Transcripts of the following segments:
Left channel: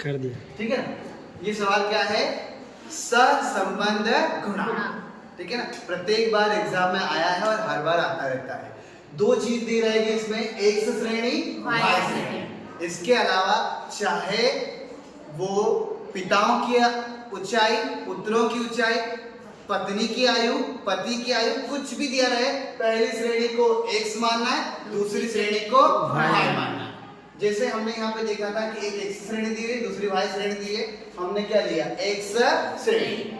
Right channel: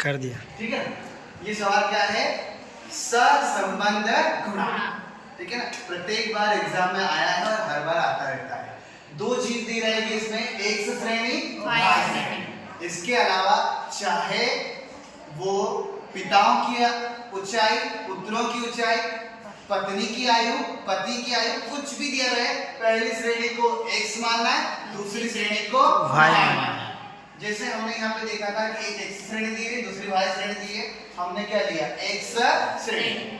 कर दिया। ठीक है, ये सवाल क्या है? सहसंबंध गुणा। ठीक है ना, प्रत्येक बार एग्जाम में आया है और हर बार आता रहता है। दो चीज दी रहेगी इसमें, एक्स श्रेणी, वाई श्रेणी। इसके अलावा चाहे वो पिताओं की ऊंचाई, पुत्रों की ऊंचाई, पत्नी की आयु, पति की आयु, कुछ भी दिया रहे, पहली श्रेणी को एक्स मानना है, दूसरी श्रेणी को वाई मानना है। जैसे हमने यहाँ पे देखा था कि एक एक्स श्रेणी दी है, दूसरी वाई श्रेणी दी है। हमने क्या लिया? एक्स श्रेणी।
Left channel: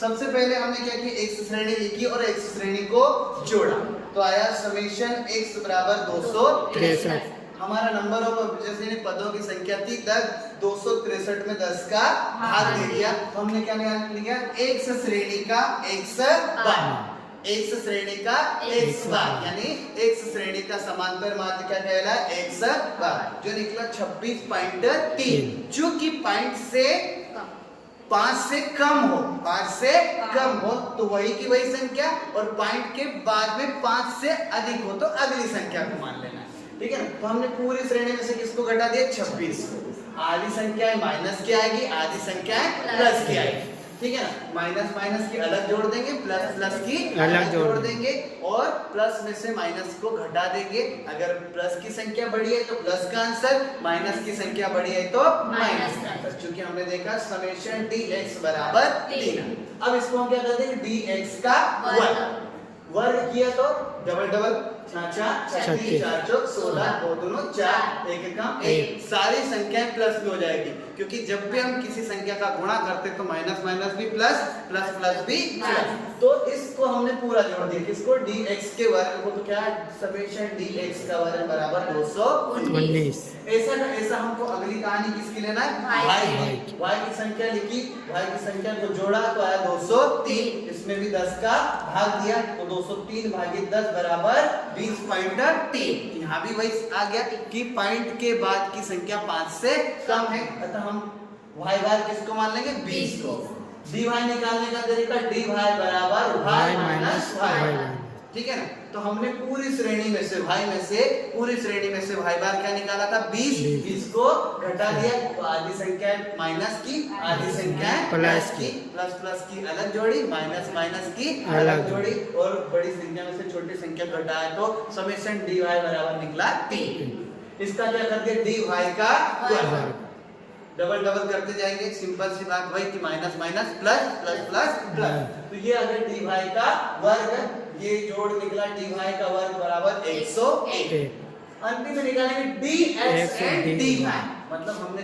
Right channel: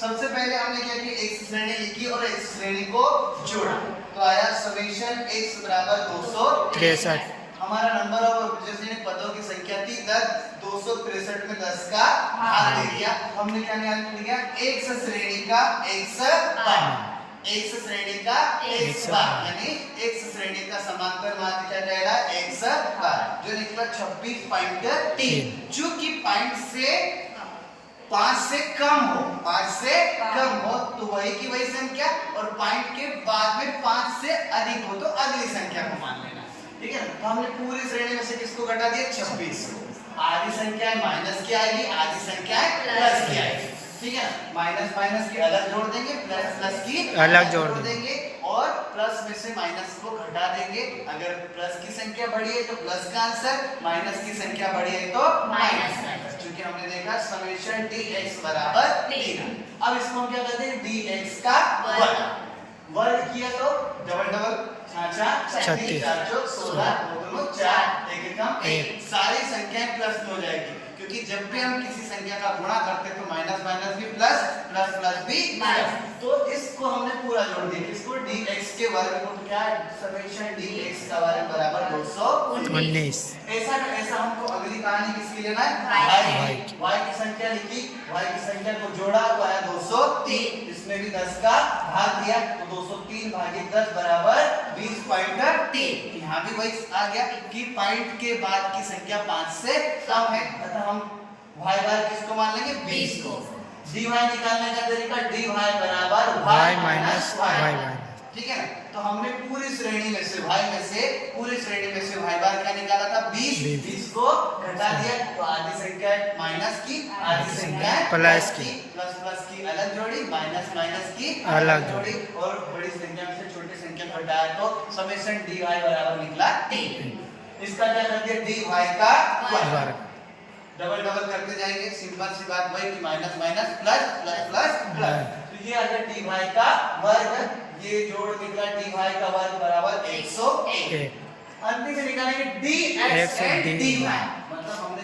सबसे पहले हमने क्या किया? एक्स श्रेणी लिखी और एक्स श्रेणी को जोड़ा, तो आया समेशन एक्स बराबर 263। हमारा नंबर ऑफ जैसे पदों की संख्या थी 10, 263 में 10 का भाग दे दिया। हमने क्या निकाल लिया? एक्स श्रेणी का एक्स बार, एक्स श्रेणी का एक्स बार, यानी एक्स श्रेणी का समांतर माध्य क्या कहला? एक्स बार, जो निकला 26.3। जो कि पॉइंट से 5 से कम हो, 5 से कम हो तो वही की वही संख्या, और पॉइंट के बाद में 5 से अधिक हो तो अगली संख्या को मान लेना। ठीक है, तो हमने पूरी श्रेणी में से किसको घटा दिया? 26। आधी संख्याएं माइनस की आएगी, आधी संख्याएं प्लस की आएगी। ठीक है ना, माइनस माइनस की अलग जोड़ देंगे, प्लस प्लस की अलग जोड़ देंगे, और प्लस में से माइनस को घटा देंगे। अगर प्लस की संख्या बड़ी है तो प्लस का आंसर, माइनस की संख्या बड़ी है तो माइनस का आंसर। क्योंकि हमने देखा समेशन dx बराबर 3। अब इसको हम क्या करते हैं? dx का वर्ग किया तो डबल डबल 4 4 16 2 2 4 1 कम 1, सारी संख्याएं प्लस में हो जाएगी। क्योंकि जब भी हम किसी संख्या का गुणा करते हैं तो माइनस माइनस भी प्लस, प्लस प्लस भी प्लस, तो इसको हमने पूरा जोड़ दिया। किसको? dx के वर्ग को। क्या? समेशन dx का वर्ग बराबर 219। ऐसा हमको अगली कहानी किसकी लेना है? y की संख्या लिखी, y की संख्या को जोड़ा तो आया 203। इसमें भी 10 का भाग दिया तो 203 भागित 10 बराबर 20.3। यहाँ भी वही आ गया कि पॉइंट के बाद की संख्या 5 से कम है, अतः हम y बार किसको मान लेंगे? 20 को। dy निकालने का तरीका dy बराबर y माइनस y। ठीक है ना, तो हमने पूरी श्रेणी में से y में से पूरी श्रेणी में से y बार क्या निकाला था? 20। 20 को घटा दिया तो आधी संख्या माइनस की, आधी संख्या प्लस की, प्लस प्लस की अलग जोड़ी, माइनस माइनस की अलग जोड़ी, और बड़ी संख्या में से छोटी संख्या घटाया तो समेशन dy बराबर निकला 3। इसका क्या कर दिया? dy का वर्ग। डबल डबल करते जाएंगे, सिंपल सी बात वही कि minus minus plus, plus plus plus, तो ये आ गया dy का वर्ग। ये जोड़ निकला dy का वर्ग बराबर 101। अंतिम में निकालेंगे dx एंड dy, मतलब हमने